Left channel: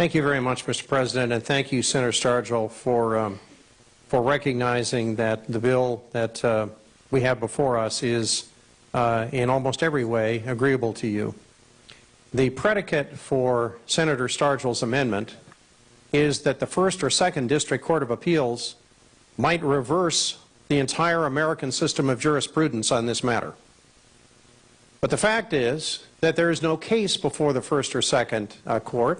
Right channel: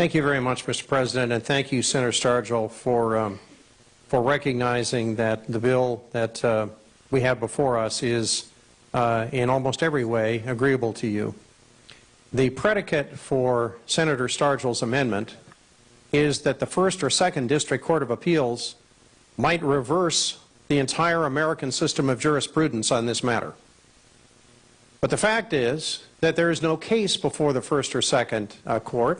Thank you very much, Mr. President, and thank you, Senator Stargel, for recognizing that the bill that we have before us is, in almost every way, agreeable to you. The predicate for Senator Stargel's amendment is that the First or Second District Court of Appeals might reverse the entire American system of jurisprudence on this matter. But the fact is that there is no case before the First or Second Court.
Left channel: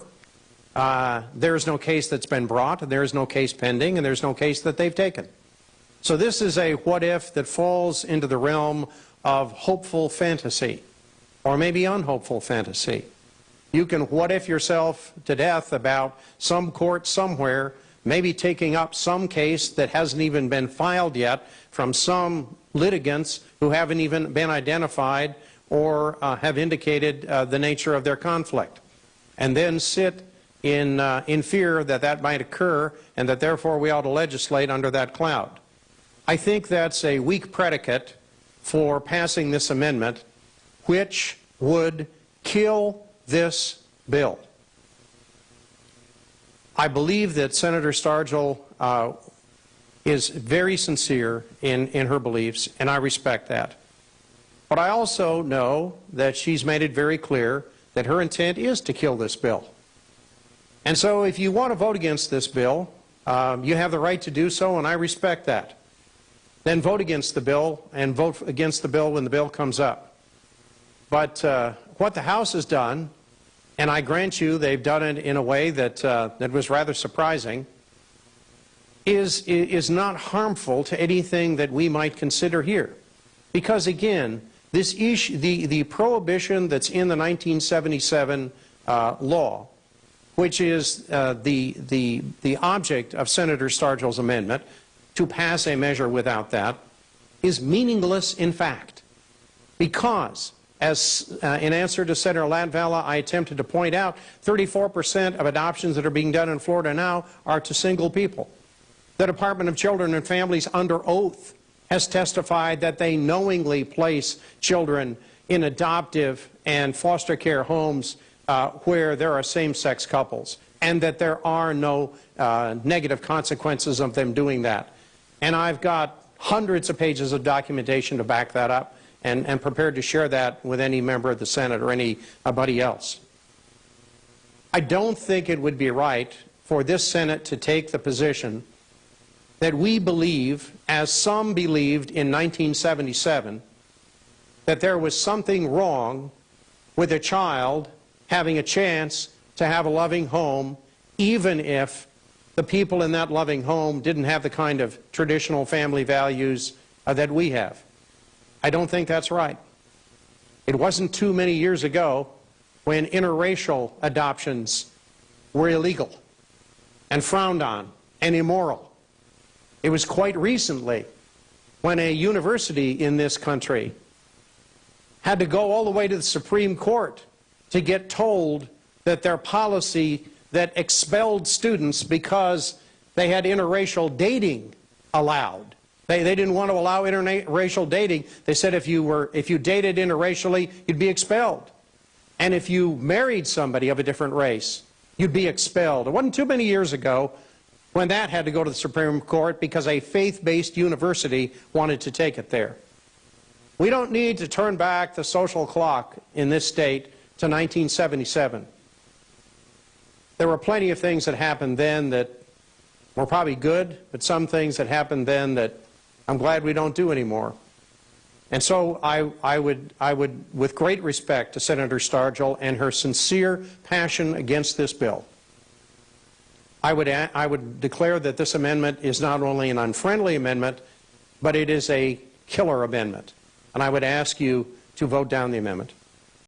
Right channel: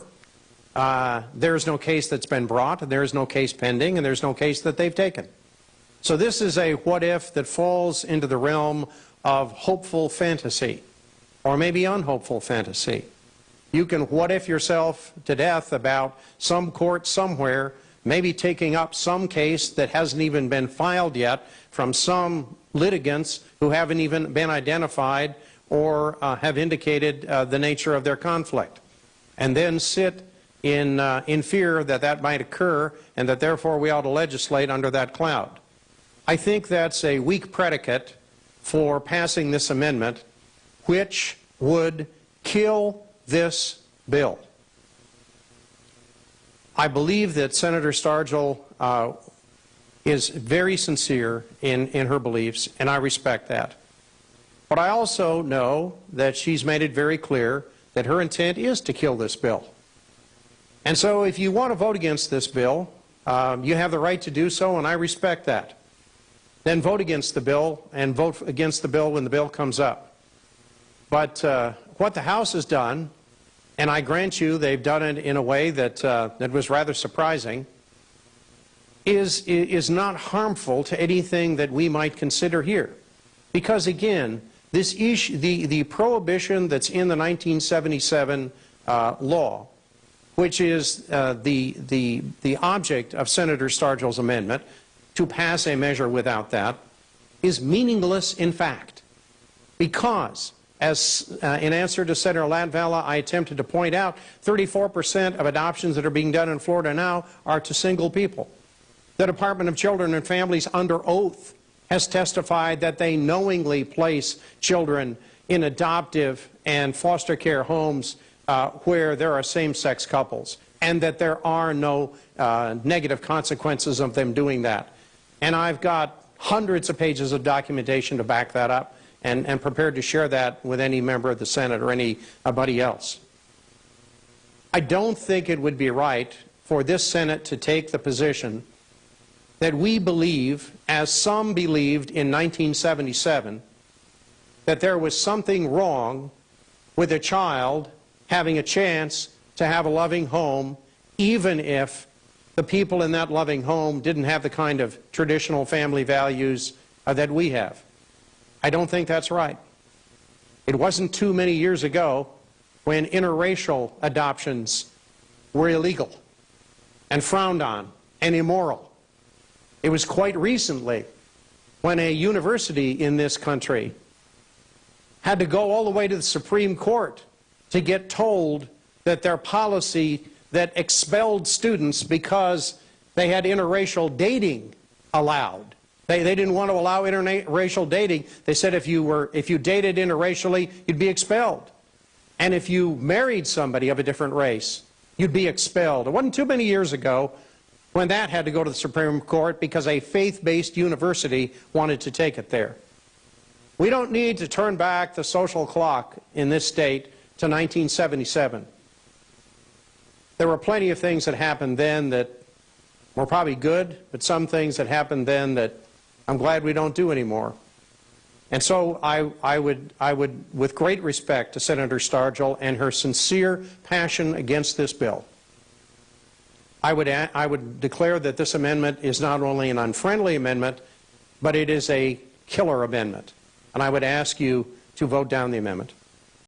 There is no case that's been brought, there is no case pending, and there's no case that they've taken. So this is a what-if that falls into the realm of hopeful fantasy, or maybe unhopeful fantasy. You can what-if yourself to death about some court somewhere maybe taking up some case that hasn't even been filed yet from some litigants who haven't even been identified or have indicated the nature of their conflict, and then sit in fear that that might occur and that therefore we ought to legislate under that cloud. I think that's a weak predicate for passing this amendment, which would kill this bill. I believe that Senator Stargel is very sincere in her beliefs, and I respect that. But I also know that she's made it very clear that her intent is to kill this bill. And so if you want to vote against this bill, you have the right to do so, and I respect that. Then vote against the bill, and vote against the bill when the bill comes up. But what the House has done, and I grant you they've done it in a way that, that was rather surprising, is not harmful to anything that we might consider here. Because again, this issue, the prohibition that's in the 1977 law, which is the object of Senator Stargel's amendment, to pass a measure without that, is meaningless in fact. Because, as in answer to Senator Latvala, I attempted to point out, 34% of adoptions that are being done in Florida now are to single people. The Department of Children and Families, under oath, has testified that they knowingly place children in adoptive and foster care homes where there are same-sex couples, and that there are no negative consequences of them doing that. And I've got hundreds of pages of documentation to back that up, and prepared to share that with any member of the Senate or anybody else. I don't think it would be right for this Senate to take the position that we believe, as some believed in 1977, that there was something wrong with a child having a chance to have a loving home, even if the people in that loving home didn't have the kind of traditional family values that we have. I don't think that's right. It wasn't too many years ago when interracial adoptions were illegal and frowned on and immoral. It was quite recently when a university in this country had to go all the way to the Supreme Court to get told that their policy that expelled students because they had interracial dating allowed. They didn't want to allow interracial dating. They said if you dated interracially, you'd be expelled. And if you married somebody of a different race, you'd be expelled. It wasn't too many years ago when that had to go to the Supreme Court because a faith-based university wanted to take it there. We don't need to turn back the social clock in this state to 1977. There were plenty of things that happened then that were probably good, but some things that happened then that I'm glad we don't do anymore. And so I would, with great respect to Senator Stargel and her sincere passion against this bill, I would declare that this amendment is not only an unfriendly amendment, but it is a killer amendment. And I would ask you to vote down the amendment.